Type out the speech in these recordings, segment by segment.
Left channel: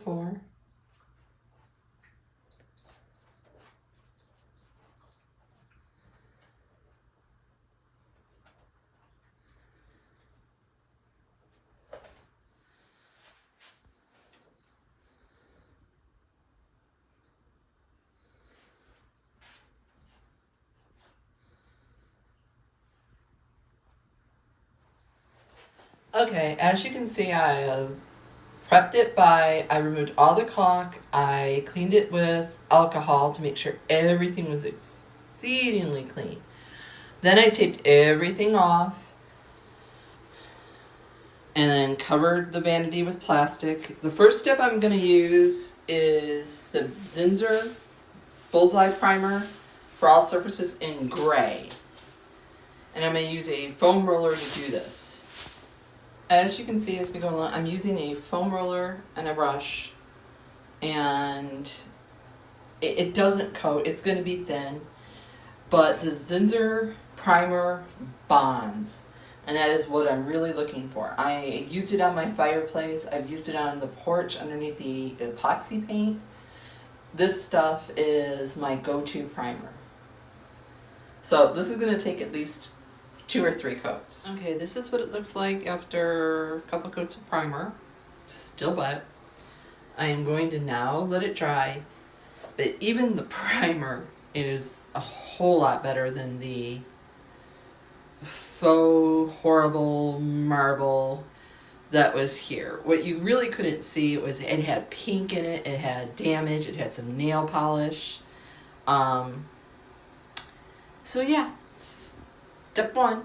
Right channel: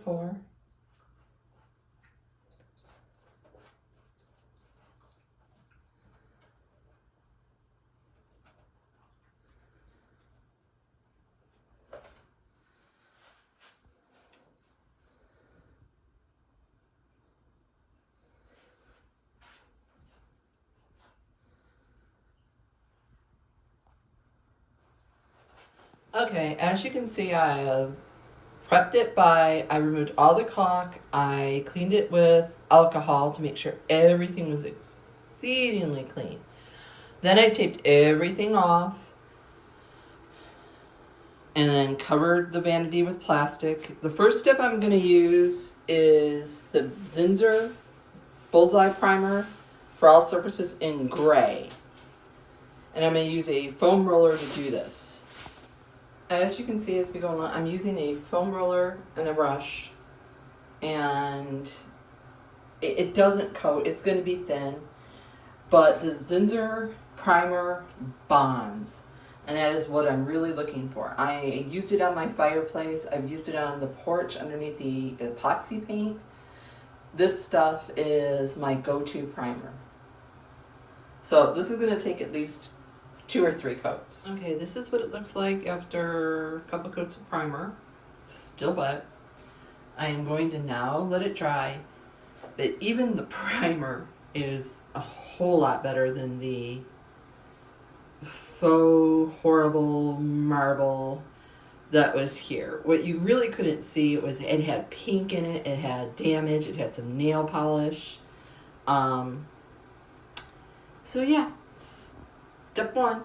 before. Okay, as you can see, I prepped it I removed all the caulk. I cleaned it with alcohol to make sure everything was exceedingly clean. Then I taped everything off and then covered the vanity with plastic. The first step I'm going to use is the Zinsser Bullseye Primer for all surfaces in gray. And I'm going to use a foam roller to do this. As you can see as we go along, I'm using a foam roller and a brush, and it doesn't coat. It's going to be thin, but the Zinsser primer bonds, and that is what I'm really looking for. I used it on my fireplace. I've used it on the porch underneath the epoxy paint. This stuff is my go-to primer. So this is going to take at least 2 or 3 coats. Okay, this is what it looks like after a couple coats of primer. Still wet. I am going to now let it dry, but even the primer is a whole lot better than the faux horrible marble that was here. What you really couldn't see was it had pink in it, it had damage, it had some nail polish. So yeah, step 1.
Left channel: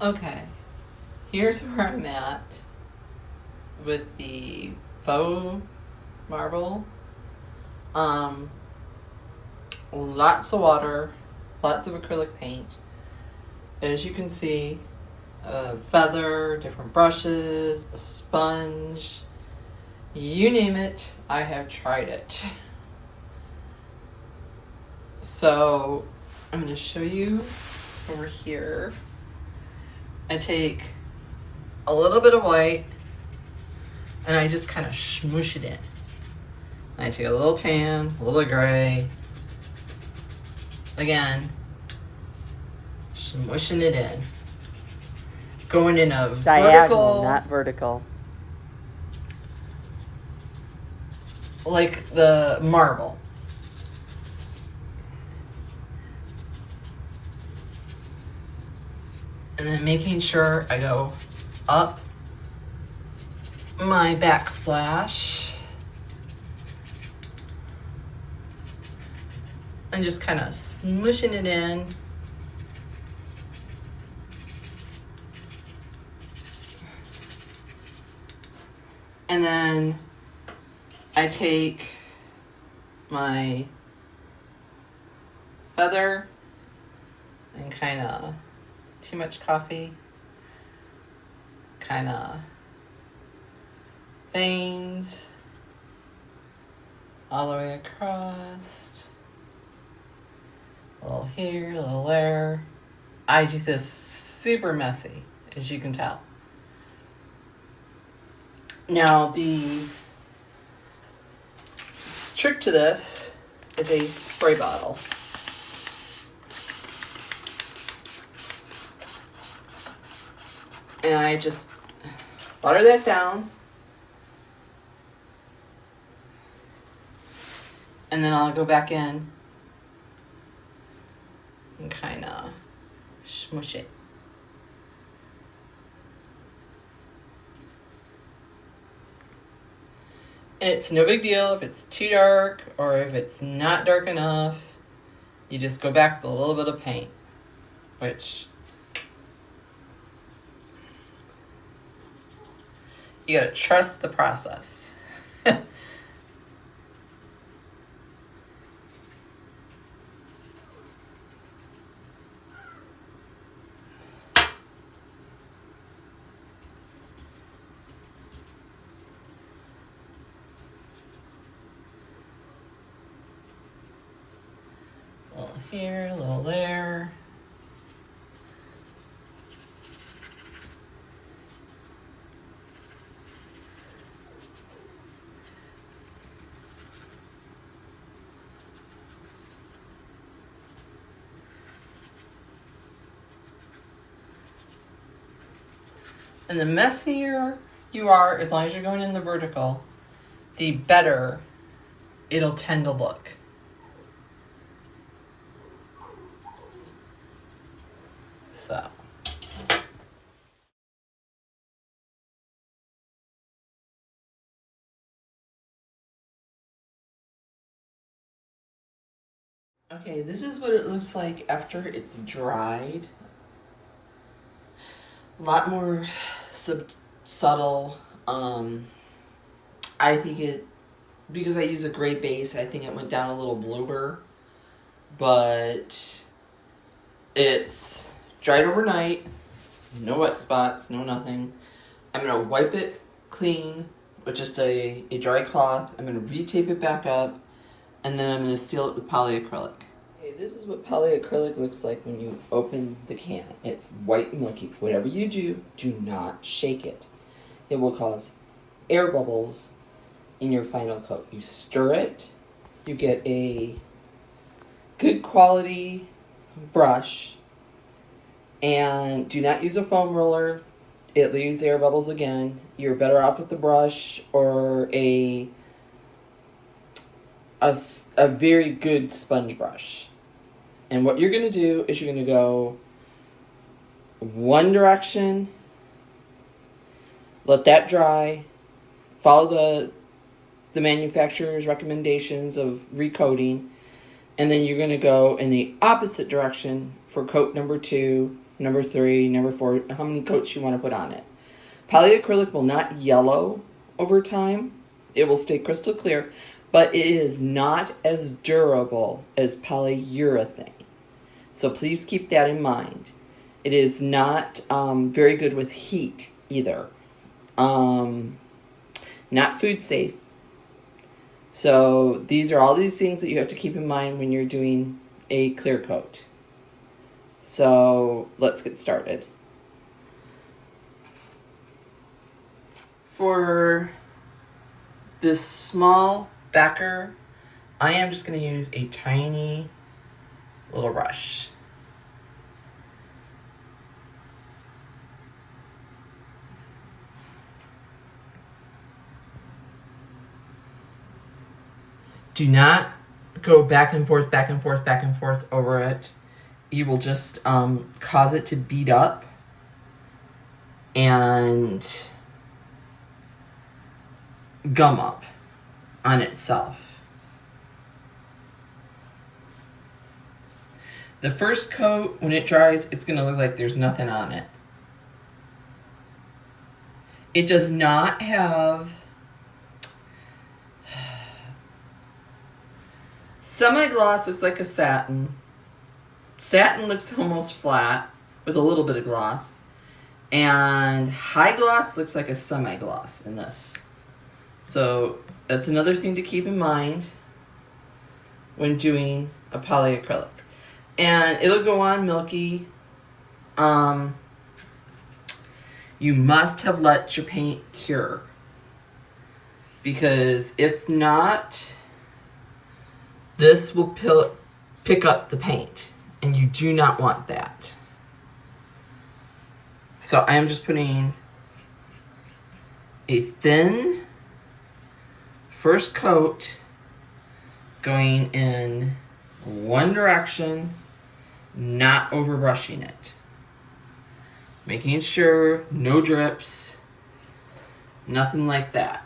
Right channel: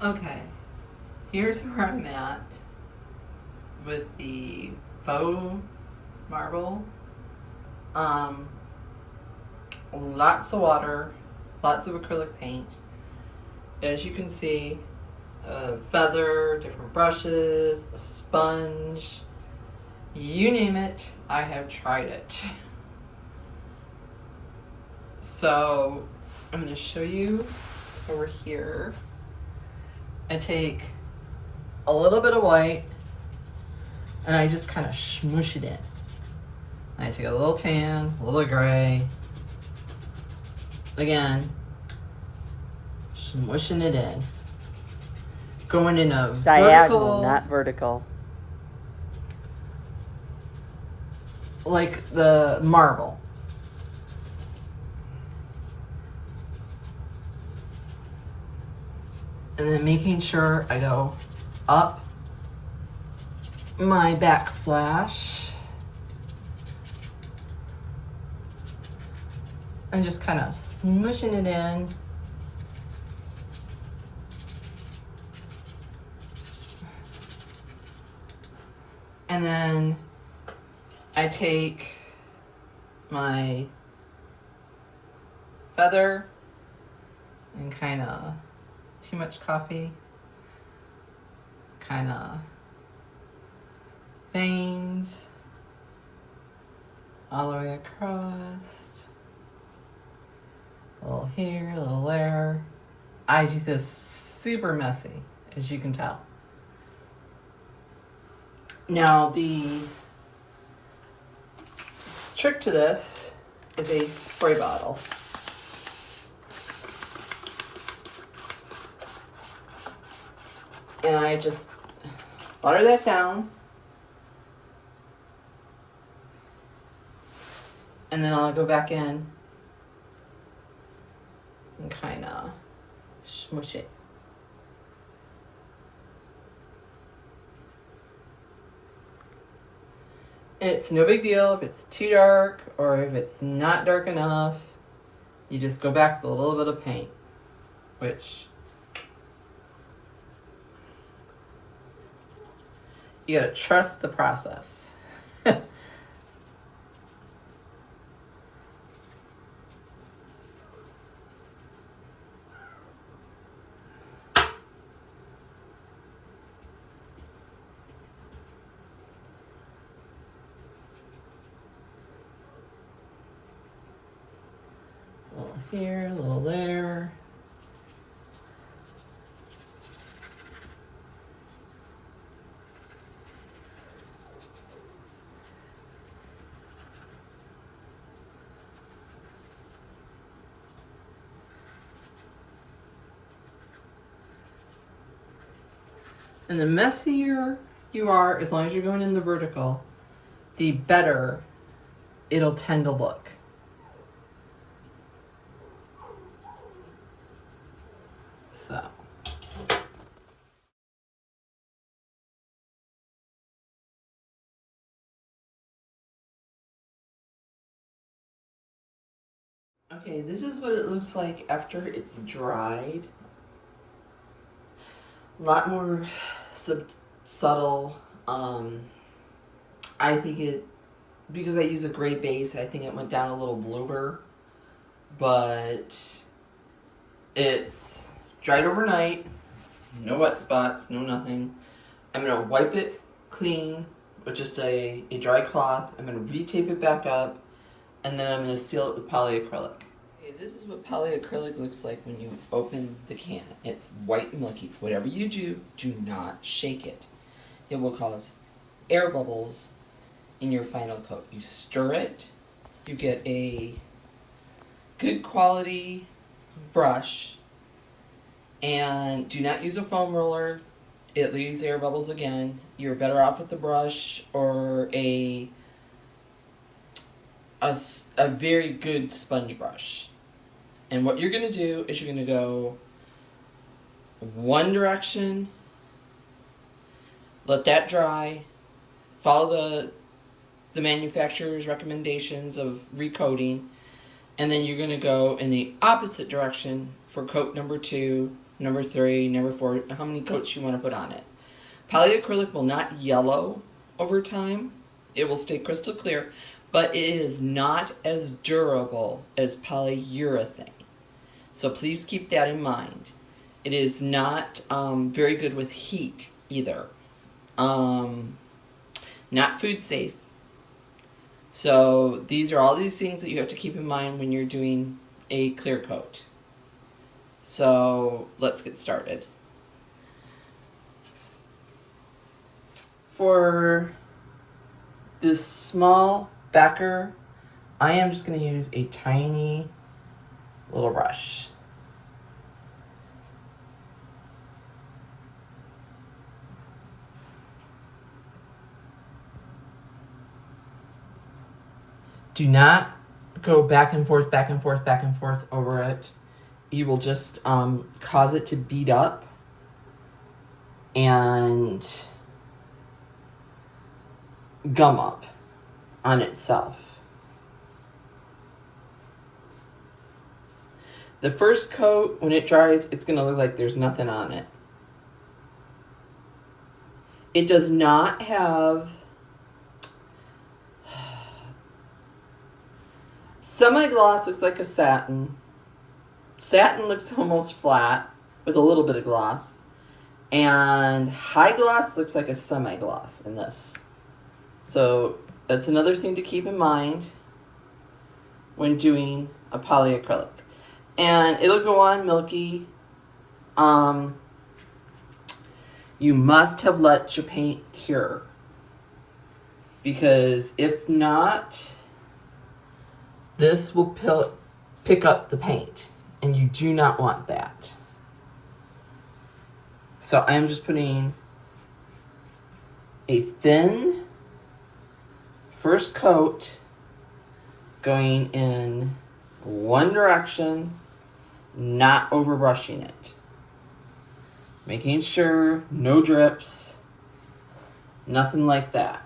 Okay, here's where I'm at with the faux marble. Lots of water, lots of acrylic paint. As you can see, a feather, different brushes, a sponge, you name it, I have tried it. So I'm going to show you over here. I take a little bit of white and I just kind of smoosh it in. I take a little tan, a little gray. Again, smushing it in. Going in a diagonal, not vertical. Like the marble. And then making sure I go up my backsplash and just kind of smushing it in. And then I take my feather and kind of, too much coffee, kind of veins all the way across. A little here, a little there. I do this super messy, as you can tell. Now, the trick to this is a spray bottle. And I just water that down. And then I'll go back in and kind of smush it. It's no big deal if it's too dark or if it's not dark enough. You just go back with a little bit of paint, which you gotta trust the process. A little here, a little there. And the messier you are, as long as you're going in the vertical, the better it'll tend to look. So. Okay, this is what it looks like after it's dried. A lot more subtle. I think it, because I use a gray base, I think it went down a little bluer. But it's dried overnight. No wet spots, no nothing. I'm going to wipe it clean with just a dry cloth. I'm going to re-tape it back up. And then I'm going to seal it with polyacrylic. Okay, this is what polyacrylic looks like when you open the can. It's white and milky. Whatever you do, do not shake it. It will cause air bubbles in your final coat. You stir it. You get a good quality brush. And do not use a foam roller. It leaves air bubbles again. You're better off with the brush or a very good sponge brush. And what you're going to do is you're going to go one direction, let that dry, follow the manufacturer's recommendations of recoating, and then you're going to go in the opposite direction for coat number 2, number 3, number 4, how many coats you want to put on it. Polyacrylic will not yellow over time. It will stay crystal clear. But it is not as durable as polyurethane. So please keep that in mind. It is not very good with heat either. Not food safe. So these are all these things that you have to keep in mind when you're doing a clear coat. So let's get started. For this small backer, I am just going to use a tiny little brush. Do not go back and forth, back and forth, back and forth over it. You will just cause it to beat up and gum up on itself. The first coat, when it dries, it's going to look like there's nothing on it. It does not have semi-gloss. Looks like a satin. Satin looks almost flat with a little bit of gloss. And high gloss looks like a semi-gloss in this. So that's another thing to keep in mind when doing a polyacrylic. And it'll go on milky. You must have let your paint cure. Because if not, this will pick up the paint. And you do not want that. So I am just putting a thin first coat going in one direction, not overbrushing it. Making sure no drips, nothing like that.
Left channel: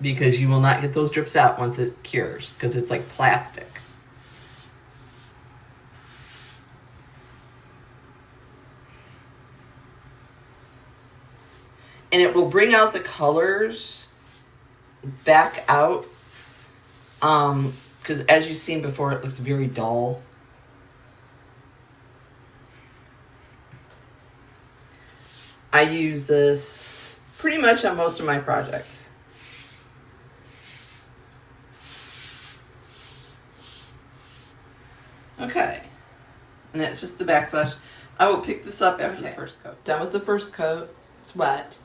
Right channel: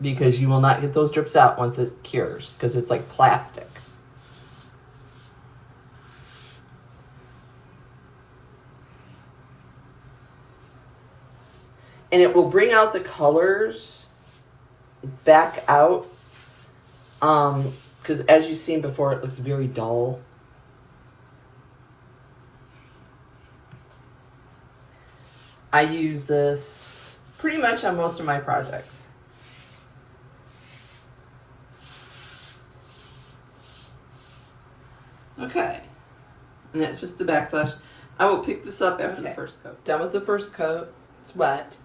Because you will not get those drips out once it cures, because it's like plastic. And it will bring out the colors back out. Because as you've seen before, it looks very dull. I use this pretty much on most of my projects. Okay. And that's just the backsplash. I will pick this up after the first coat. Done with the first coat. It's wet.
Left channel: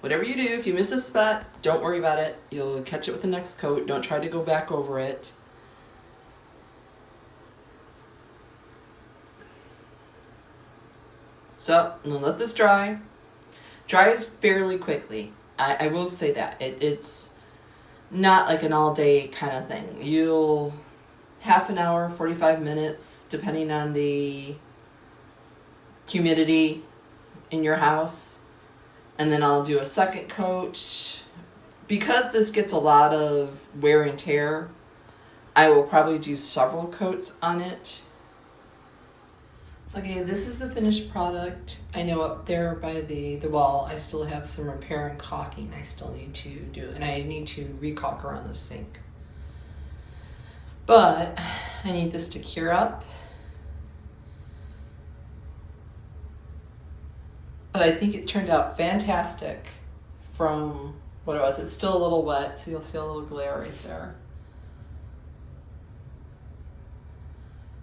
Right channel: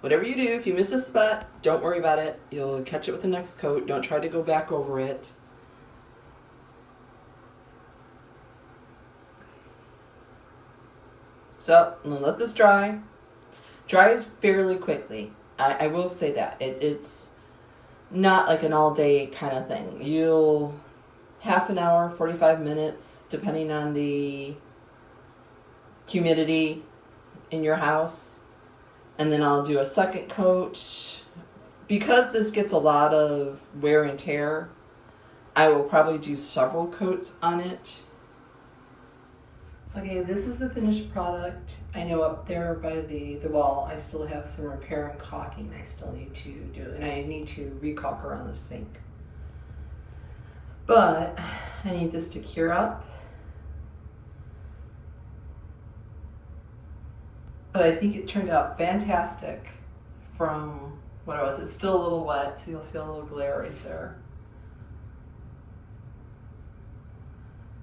Whatever you do, if you miss a spot, don't worry about it. You'll catch it with the next coat. Don't try to go back over it. So I'm gonna let this dry. Dries fairly quickly. I will say that. It's not like an all day kind of thing. You'll half an hour, 45 minutes, depending on the humidity in your house. And then I'll do a second coat. Because this gets a lot of wear and tear, I will probably do several coats on it. Okay, this is the finished product. I know up there by the wall, I still have some repair and caulking I still need to do, and I need to re-caulk around the sink. But I need this to cure up. But I think it turned out fantastic from what it was. It's still a little wet, so you'll see a little glare right there.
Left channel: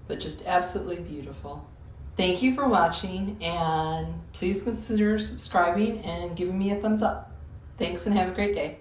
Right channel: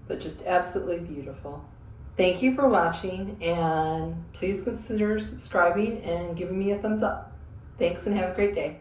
But just absolutely beautiful. Thank you for watching, and please consider subscribing and giving me a thumbs up. Thanks and have a great day.